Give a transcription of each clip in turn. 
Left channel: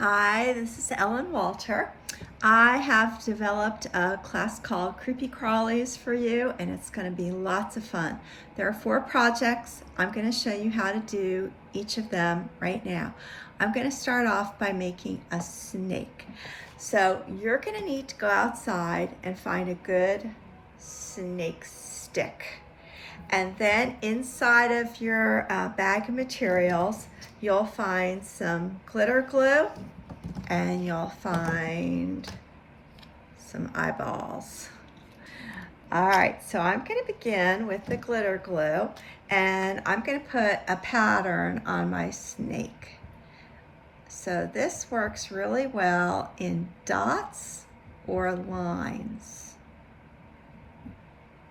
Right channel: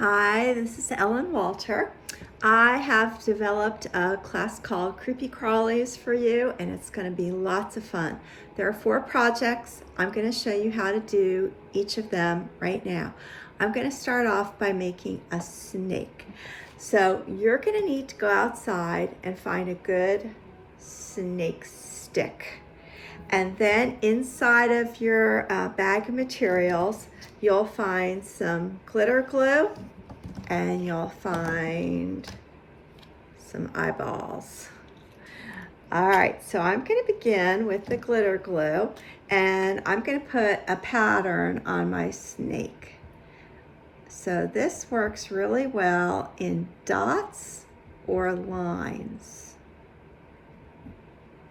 Hi, this is Ellen Walter. I have developed a class called Creepy Crawlies for you, and it's going to be lots of fun. There are 4 projects. I'm going to show you how to do each of them right now. I'm going to start off by making a snake. So you're going to need to go outside and find a good snake stick. And then inside of your bag of materials, you'll find some glitter glue and you'll find some eyeballs. All right, so I'm going to begin with the glitter glue, and I'm going to put a pattern on my snake. So this works really well in dots or lines.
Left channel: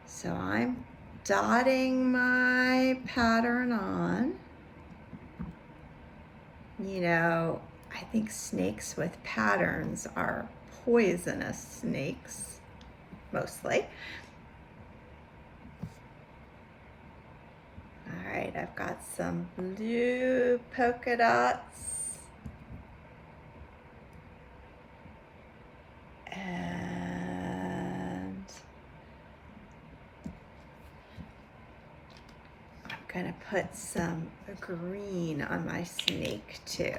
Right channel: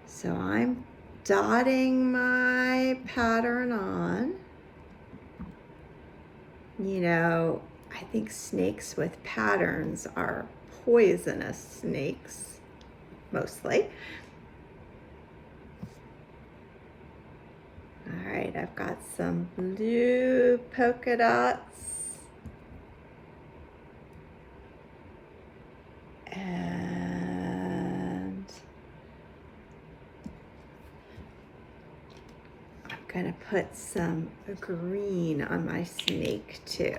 So I'm dotting my pattern on. You know, I think snakes with patterns are poisonous snakes, mostly. All right, I've got some blue polka dots. And I'm gonna put some green on my snake too.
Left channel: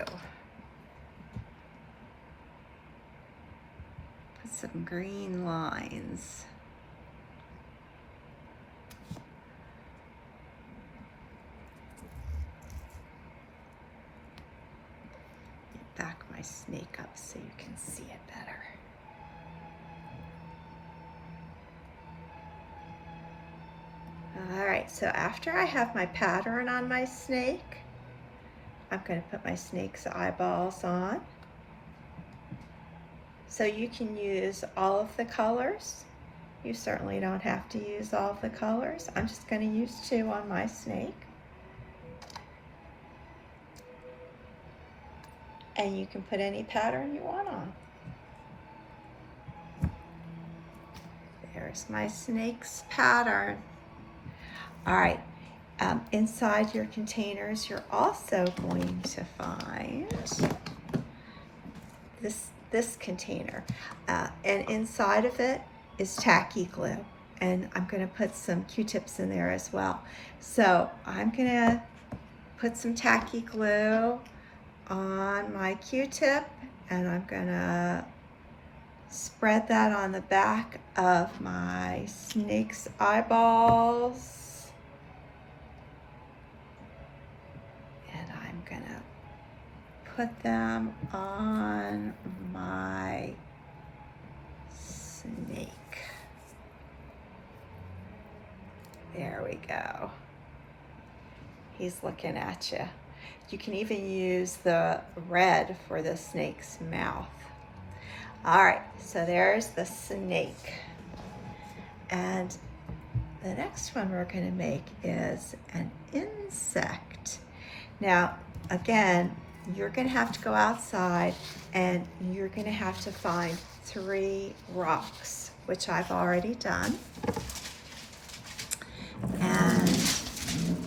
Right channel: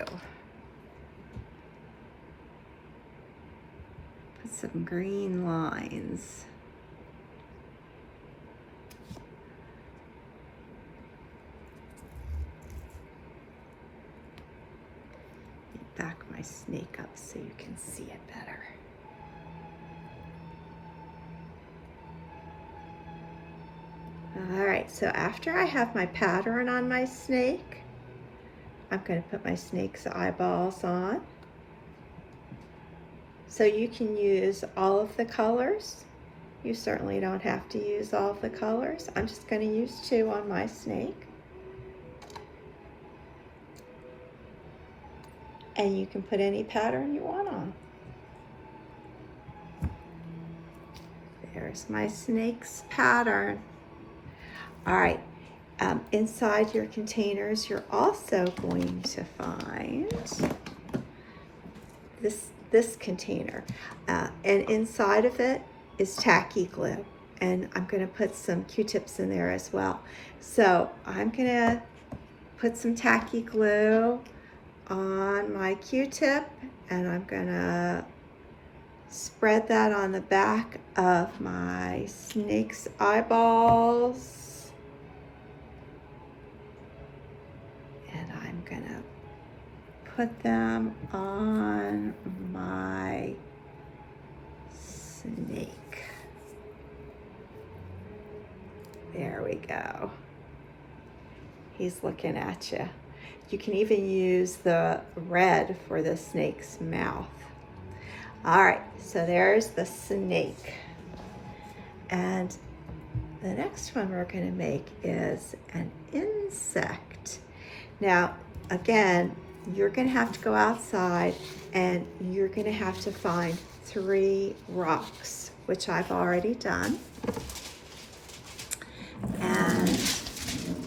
Put some green lines. Back my snake up so you can see it better. All right, so after I have my pattern on my snake, I'm going to put my snake's eyeballs on. So you can use all of the colors. You certainly don't have to use all of the colors. I'm just going to use 2 on my snake. And you can put any pattern you want on. There's my snake's pattern. All right, inside your containers, you're also going to find this container. And inside of it is tacky glue. And I'm gonna put some Q-tips in there as well. So I'm gonna put some tacky glue on my Q-tip, and I'm gonna spread that on the back of my snake's eyeballs. And I'm gonna put them on my snake. There we go. He's looking at you. You can even use the red for the snake's mouth. All right, so there's the snake. And the next one we're going to make is an insect. Now, again, you're going to have to go outside and you're going to have to find 3 rocks, which I've already done. And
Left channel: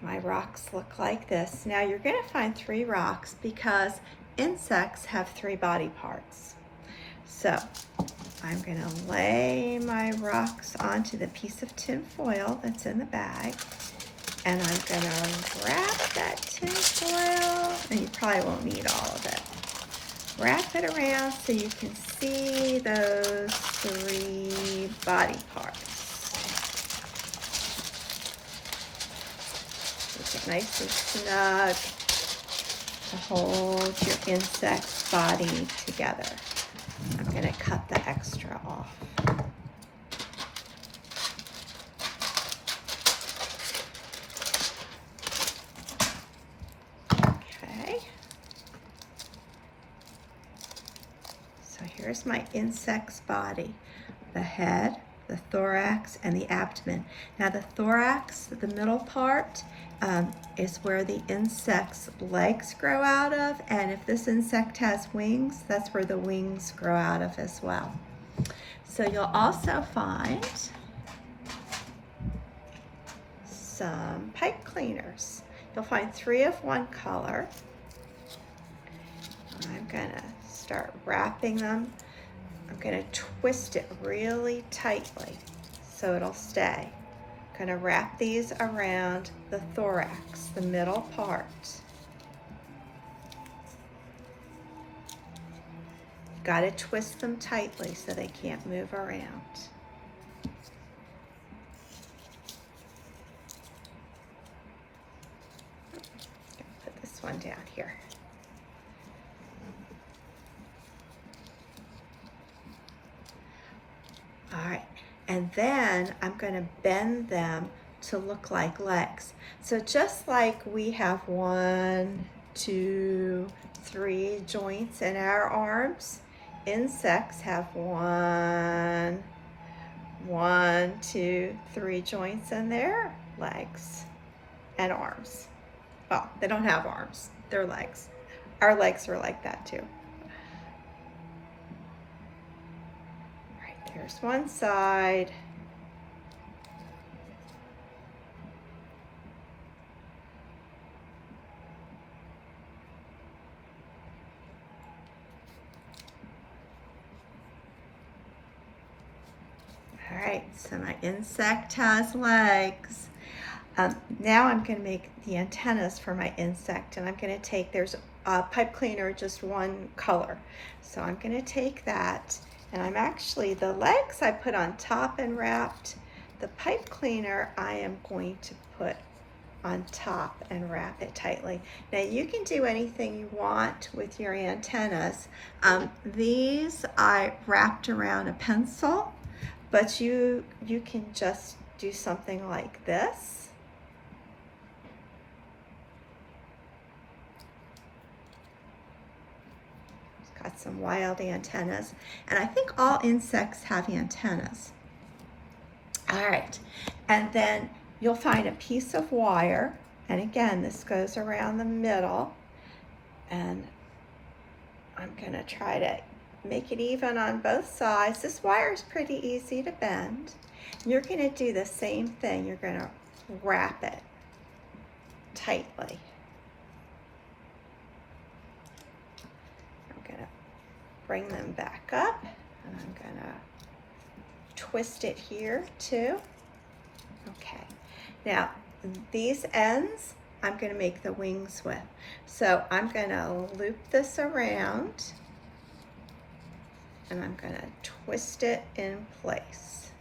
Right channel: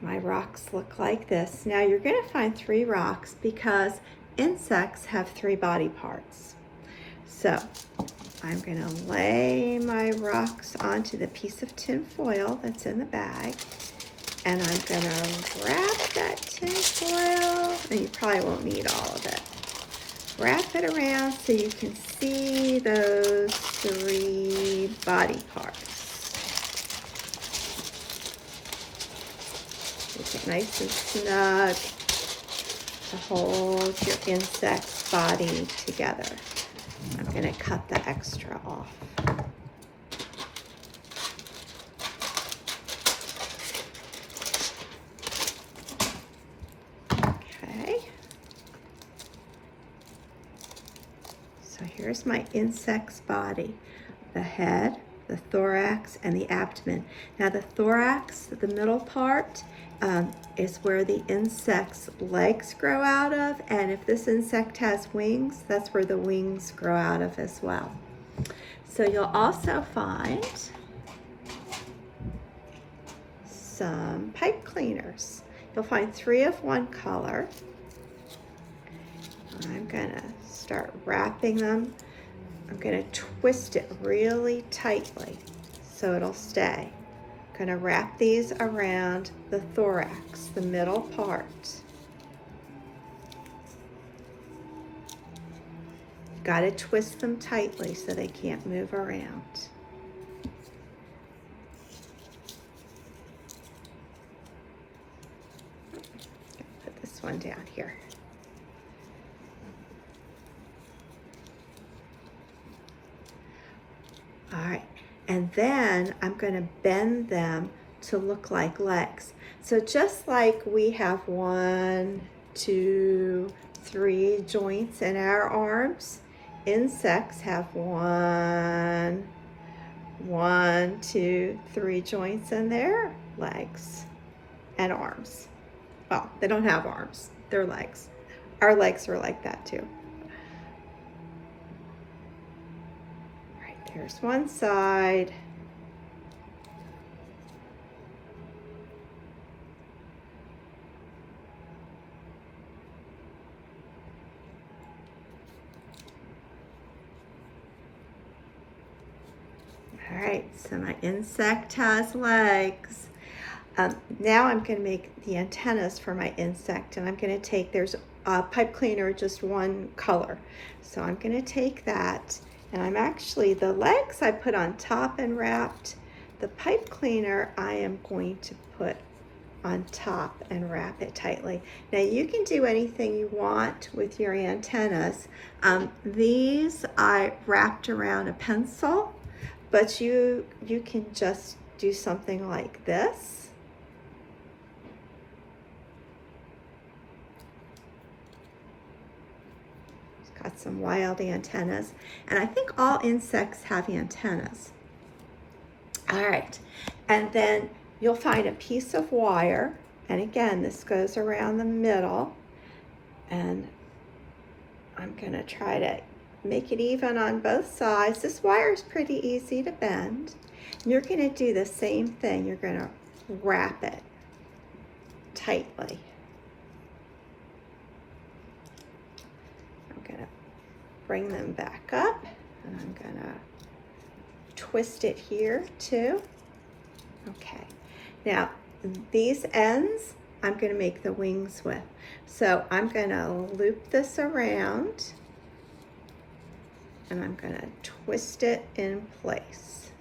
my rocks look like this. Now you're going to find 3 rocks because insects have 3 body parts. So I'm going to lay my rocks onto the piece of tin foil that's in the bag. And I'm going to wrap that tin foil, and you probably won't need all of it. Wrap it around so you can see those 3 body parts. Make it nice and snug to hold your insect's body together. I'm going to cut the extra off. So here's my insect's body, the head, the thorax, and the abdomen. Now the thorax, the middle part, is where the insect's legs grow out of, and if this insect has wings, that's where the wings grow out of as well. So you'll also find some pipe cleaners. You'll find 3 of one color I'm gonna start wrapping them. I'm gonna twist it really tightly so it'll stay. I'm gonna wrap these around the thorax, the middle part. Got to twist them tightly so they can't move around. Put this one down here. All right, and then I'm going to bend them to look like legs. So just like we have 1, 2, 3 joints in our arms, insects have 1, 2, 3 joints in their legs and arms. Well, they don't have arms, they're legs. Our legs are like that too. All right, there's one side. All right, so my insect has legs. Now I'm going to make the antennas for my insect, and I'm going to take, there's a pipe cleaner, just one color. So I'm going to take that, and I'm actually, the legs I put on top and wrapped. The pipe cleaner I am going to put on top and wrap it tightly. Now you can do anything you want with your antennas. These I wrapped around a pencil. But you can just do something like this. It's got some wild antennas. And I think all insects have antennas. All right, and then you'll find a piece of wire. And again, this goes around the middle. And I'm gonna try to make it even on both sides. This wire is pretty easy to bend. And you're going to do the same thing. You're going to wrap it tightly. I'm going to bring them back up, and I'm going to twist it here too. Okay. Now, these ends I'm going to make the wings with. So I'm going to loop this around, and I'm going to twist it in place.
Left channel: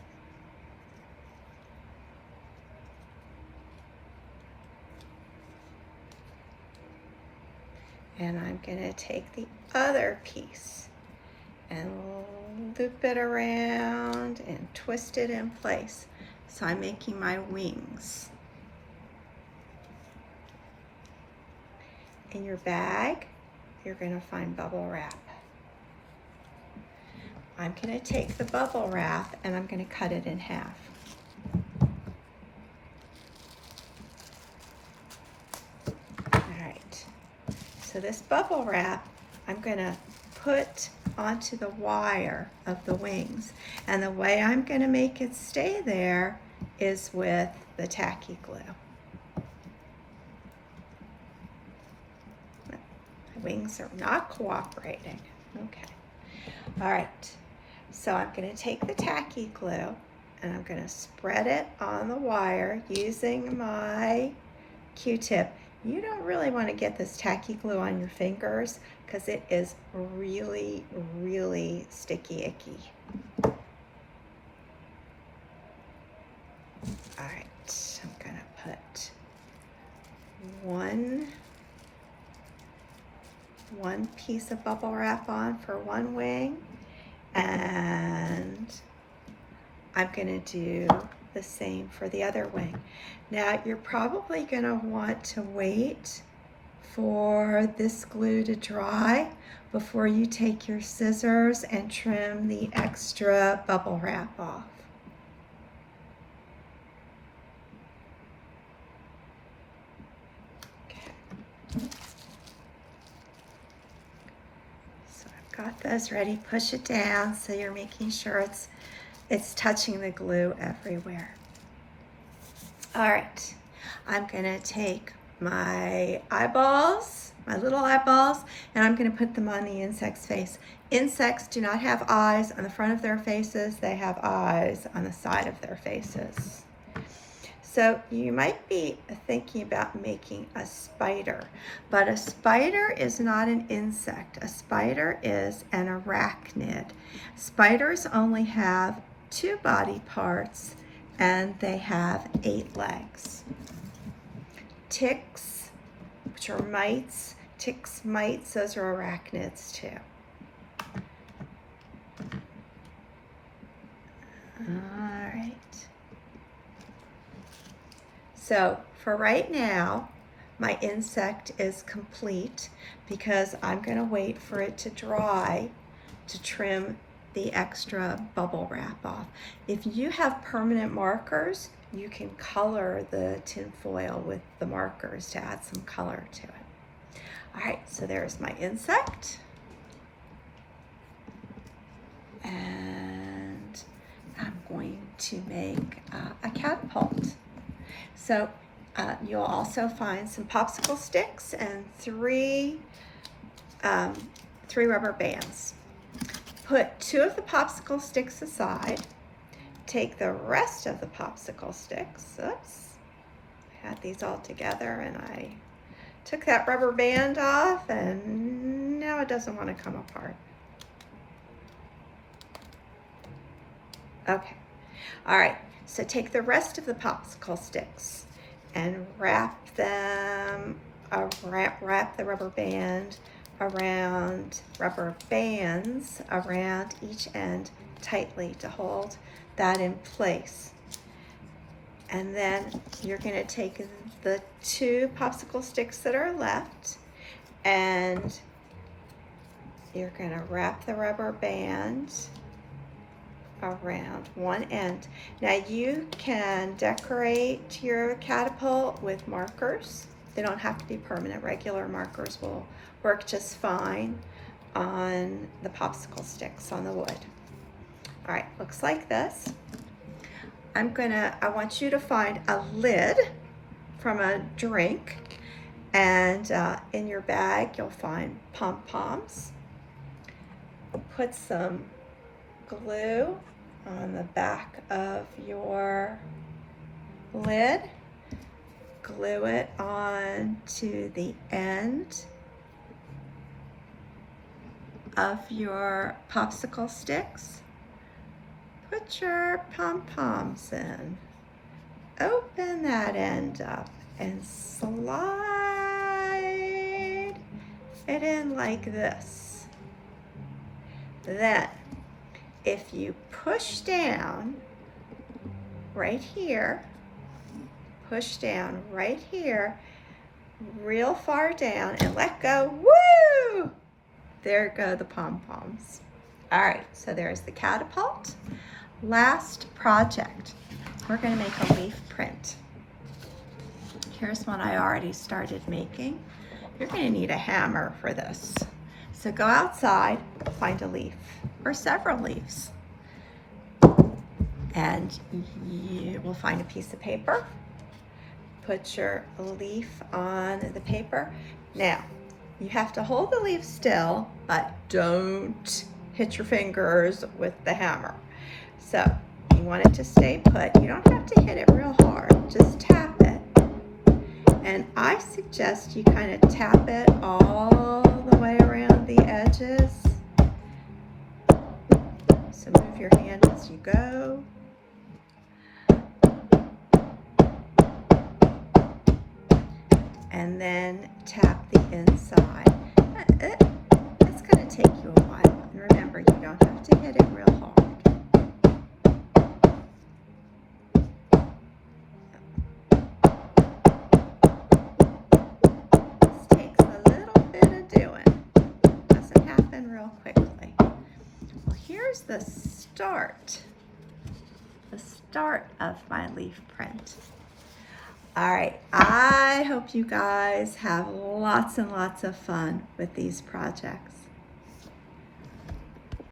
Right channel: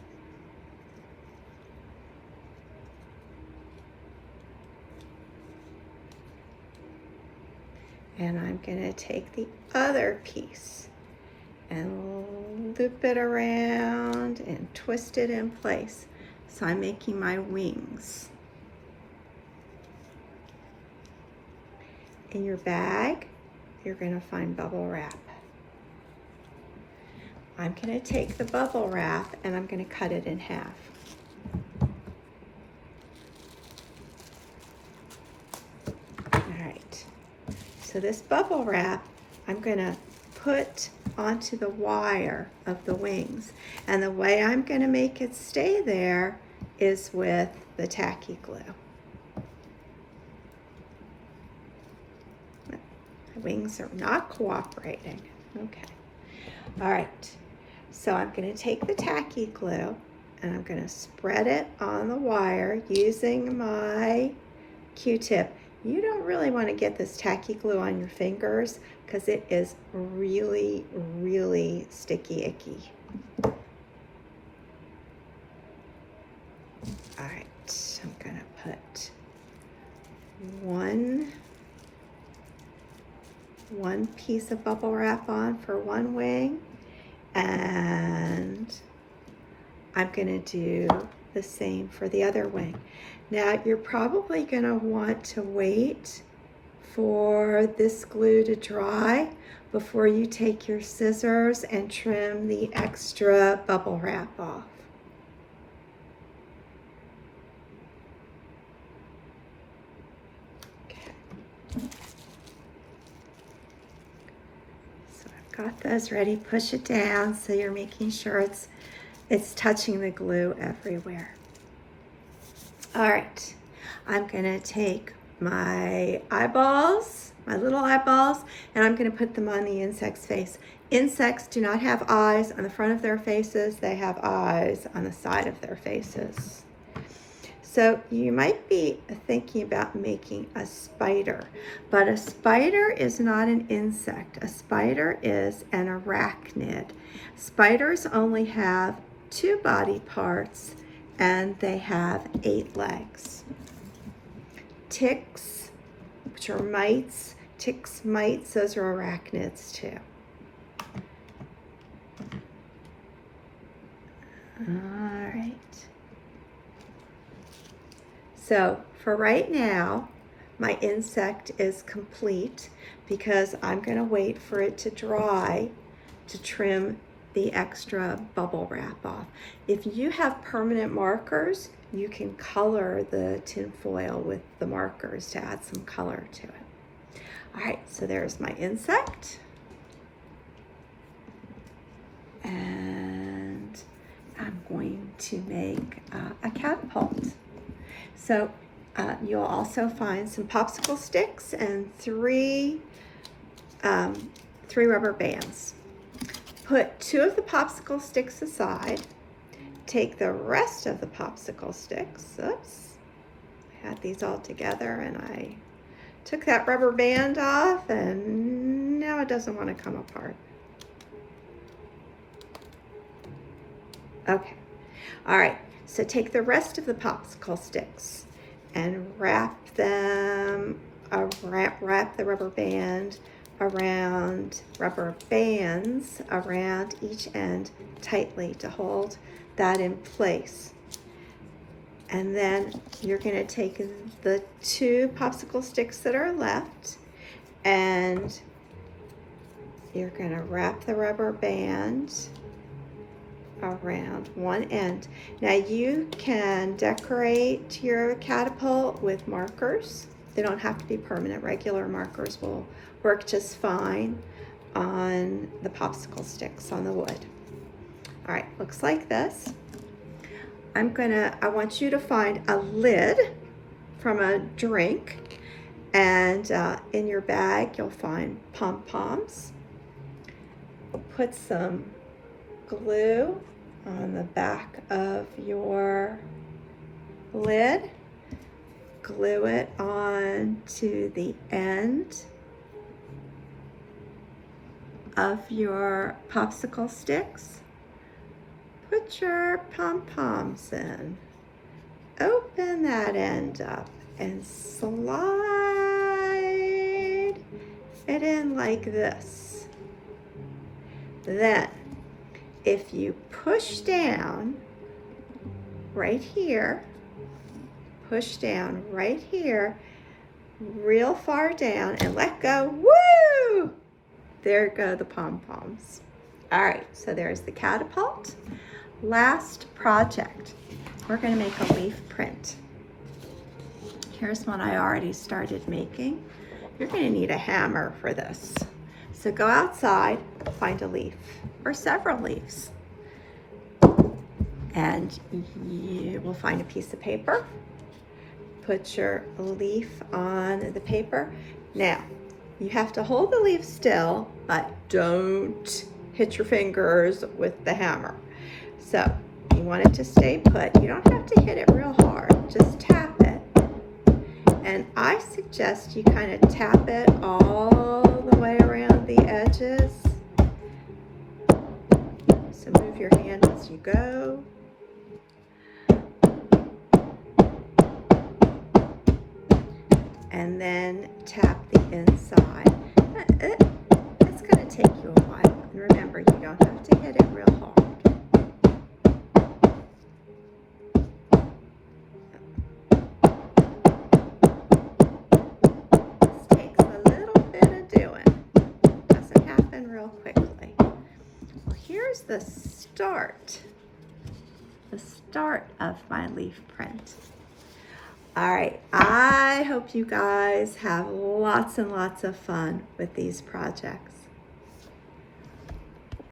And I'm going to take the other piece and loop it around and twist it in place. So I'm making my wings. In your bag, you're going to find bubble wrap. I'm going to take the bubble wrap and I'm going to cut it in half. All right, so this bubble wrap I'm going to put onto the wire of the wings. And the way I'm going to make it stay there is with the tacky glue. The wings are not cooperating. Okay. All right. So I'm going to take the tacky glue and I'm going to spread it on the wire using my Q-tip. You don't really want to get this tacky glue on your fingers because it is really, really sticky, icky. All right, I'm going to put one piece of bubble wrap on for one wing, and I'm going to do the same for the other wing. Now you're probably going to want to wait for this glue to dry before you take your scissors and trim the extra bubble wrap off. Okay. So I've got those ready. Push it down so you're making sure it's touching the glue everywhere. All right, I'm gonna take my eyeballs my little eyeballs, and I'm going to put them on the insect's face. Insects do not have eyes on the front of their faces. They have eyes on the side of their faces. So you might be thinking about making a spider, but a spider is not an insect. A spider is an arachnid. Spiders only have 2 body parts and they have 8 legs. Ticks, which are mites, ticks, mites, those are arachnids too. All right. So for right now, my insect is complete because I'm going to wait for it to dry to trim the extra bubble wrap off. If you have permanent markers, you can color the tin foil with the markers to add some color to it. All right, so there's my insect. And I'm going to make a catapult. So you'll also find some popsicle sticks and three rubber bands. Put 2 of the popsicle sticks aside. Take the rest of the popsicle sticks. Oops, I had these all together and I took that rubber band off and now it doesn't want to come apart. Okay, all right. So take the rest of the popsicle sticks and wrap the rubber band rubber bands around each end tightly to hold that in place. And then you're going to take the 2 popsicle sticks that are left and you're going to wrap the rubber band around one end. Now you can decorate your catapult with markers. They don't have to be permanent. Regular markers will work just fine on the popsicle sticks on the wood. All right, looks like this. I want you to find a lid from a drink, and in your bag you'll find pom-poms. Put some glue on the back of your lid. Glue it on to the end of your popsicle sticks. Put your pom-poms in. Open that end up and slide it in like this. Then, if you push down right here, push down right here, real far down and let go, woo! There go the pom-poms. All right, so there's the catapult. Last project, we're gonna make a leaf print. Here's one I already started making. You're gonna need a hammer for this. So go outside, find a leaf or several leaves. And you will find a piece of paper. Put your leaf on the paper. Now, you have to hold the leaf still, but don't hit your fingers with the hammer. So you want it to stay put. You don't have to hit it real hard, just tap it. And I suggest you kind of tap it all the way around the edges. So move your hand as you go. And then tap the inside. It's going to take you a while. And remember, you don't have to hit it real hard. This takes a little bit of doing. Doesn't happen real quickly. Well, here's the start of my leaf print. All right, I hope you guys have lots and lots of fun with these projects.